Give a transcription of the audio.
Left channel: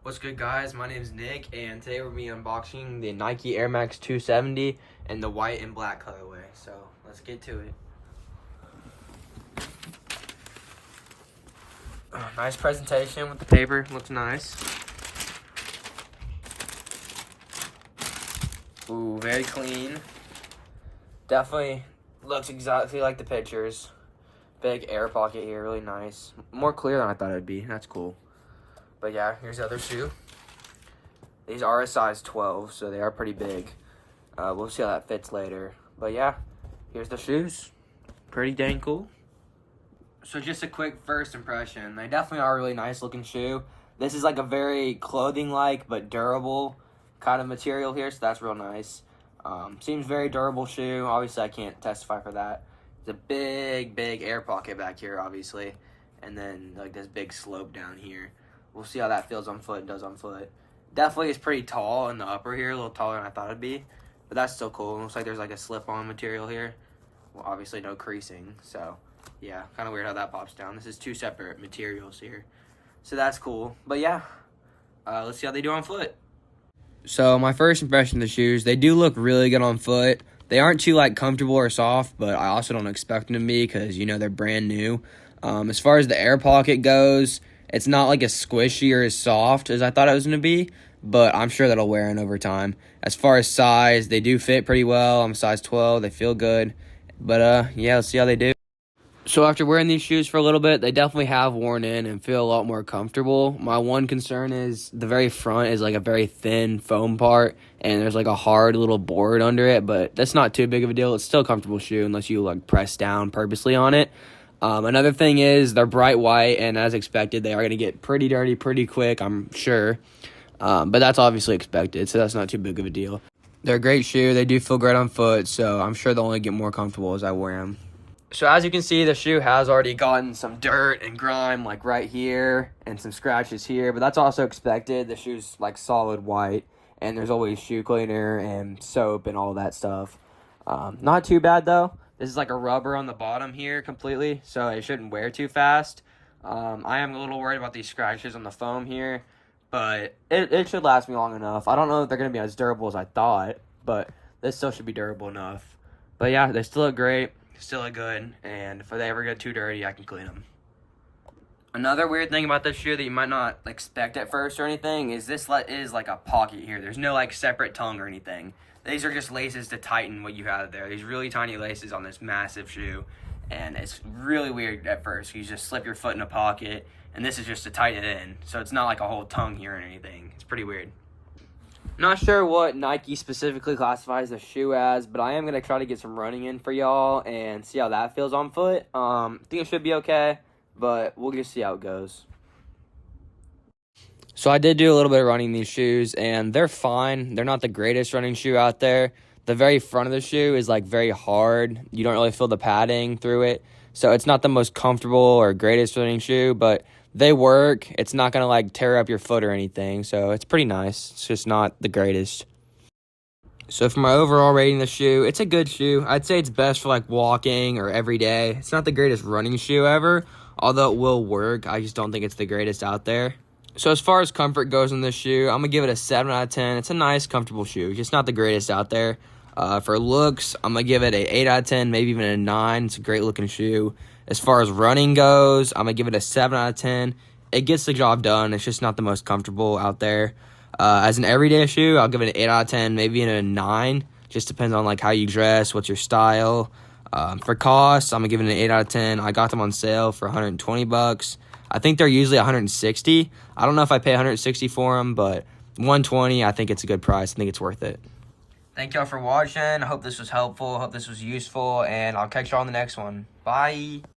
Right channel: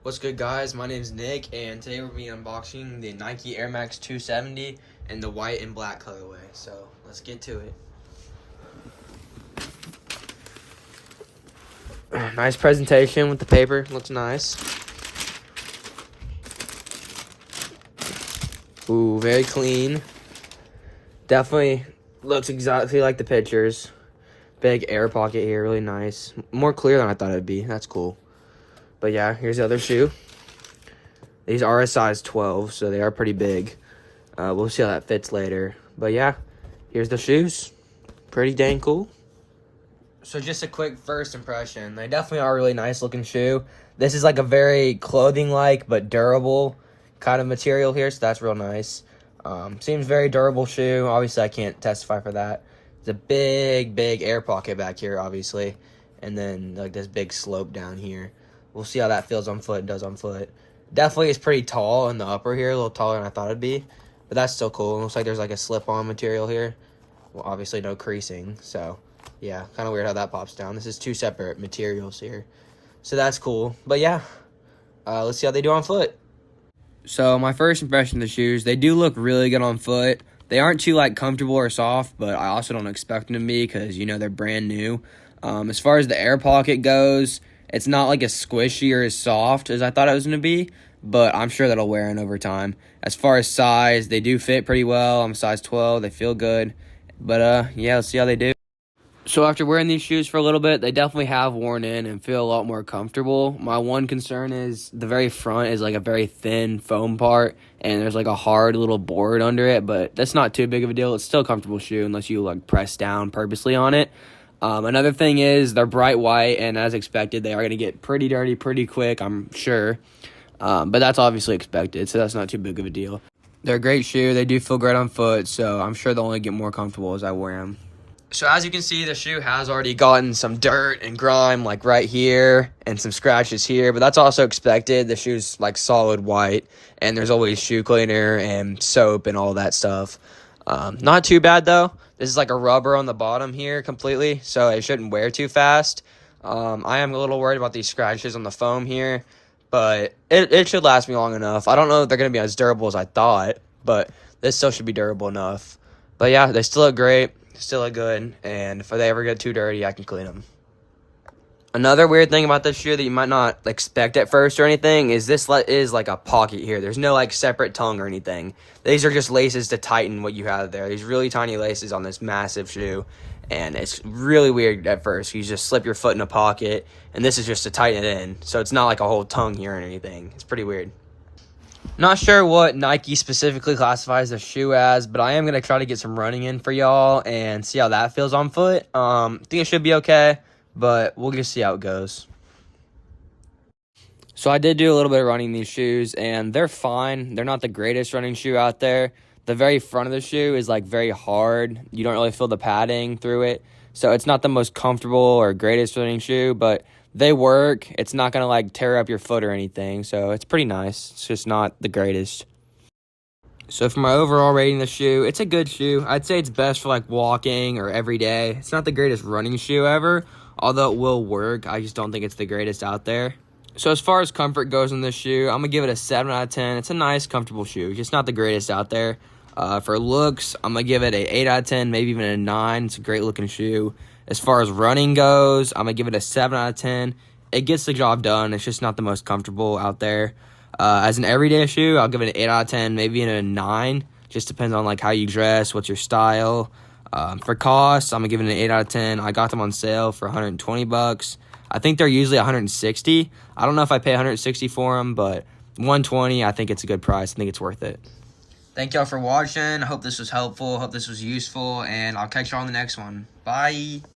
What's good, guys? My name's Nick, and today we're going to be unboxing the Nike Air Max 270 in the white and black colorway. So let's get to it. Nice presentation with the paper. Looks nice. Ooh, very clean. Definitely looks exactly like the pictures. Big air pocket here, really nice. More clear than I thought it'd be. That's cool. But yeah, here's the other shoe. These are a size 12, so they are pretty big. We'll see how that fits later. But yeah, here's the shoes. Pretty dang cool. So just a quick first impression. They definitely are a really nice looking shoe. This is like a very clothing-like but durable kind of material here, so that's real nice. Seems very durable shoe. Obviously, I can't testify for that. There's a big air pocket back here, obviously. And then like this big slope down here. We'll see how that feels on foot, does on foot. Definitely is pretty tall in the upper here, a little taller than I thought it'd be. But that's still cool. It looks like there's like a slip-on material here. Well, obviously no creasing, so yeah, kind of weird how that pops down. This is two separate materials here. So that's cool. But yeah, let's see how they do on foot. So my first impression of the shoes, they do look really good on foot. They aren't too like comfortable or soft, but I also don't expect them to be because, you know, they're brand new. As far as the air pocket goes, it's not like as squishy or as soft as I thought it was going to be, but I'm sure that'll wear in over time. As far as size, they do fit pretty well. I'm a size 12. They feel good. But, yeah, let's see how they do. So after wearing these shoes for a little bit, they definitely have worn in and feel a lot more comfortable. My one concern is the very front is like a very thin foam part, and there's like a hard little board under it, but that's not too big of a deal. It's still a comfortable shoe unless you like press down purposely on it. Another thing is they're bright white, and as expected, they are going to get pretty dirty pretty quick, I'm sure. But that's obviously expected, so that's not too big of a deal. They're a great shoe. They do feel great on foot, so I'm sure they'll only get more comfortable as I wear them. So as you can see, the shoe has already gotten some dirt and grime like right here and some scratches here, but that's also expected. The shoe's like solid white, and there's always shoe cleaner and soap and all that stuff. Not too bad though. This is like a rubber on the bottom here completely, so it shouldn't wear too fast. I am a little worried about these scratches on the foam here, but it should last me long enough. I don't know if they're going to be as durable as I thought, but this still should be durable enough. But yeah, they still look great, still look good, and if they ever get too dirty, I can clean them. Another weird thing about this shoe that you might not expect at first or anything is this is like a pocket here. There's no like separate tongue or anything. These are just laces to tighten what you have there. These really tiny laces on this massive shoe, and it's really weird at first. You just slip your foot in a pocket, and this is just to tighten it in. So it's not like a whole tongue here or anything. It's pretty weird. Not sure what Nike specifically classifies the shoe as, but I am going to try to get some running in for y'all and see how that feels on foot. I think it should be okay, but we'll just see how it goes. So I did do a little bit of running in these shoes, and they're fine. They're not the greatest running shoe out there. The very front of the shoe is like very hard. You don't really feel the padding through it. So it's not the most comfortable or greatest running shoe, but they work. It's not going to like tear up your foot or anything. So it's pretty nice. It's just not the greatest. So for my overall rating of the shoe, it's a good shoe. I'd say it's best for like walking or every day. It's not the greatest running shoe ever, although it will work. I just don't think it's the greatest out there. So as far as comfort goes in this shoe, I'm going to give it a 7 out of 10. It's a nice, comfortable shoe. Just not the greatest out there. For looks, I'm going to give it an 8 out of 10, maybe even a 9. It's a great-looking shoe. As far as running goes, I'm going to give it a 7 out of 10. It gets the job done. It's just not the most comfortable out there. As an everyday shoe, I'll give it an 8 out of 10, maybe even a 9. Just depends on like how you dress, what's your style. For cost, I'm going to give it an 8 out of 10. I got them on sale for $120. I think they're usually $160. I don't know if I pay $160 for them, but $120, I think it's a good price. I think it's worth it. Thank y'all for watching. I hope this was helpful. I hope this was useful, and I'll catch y'all on the next one. Bye.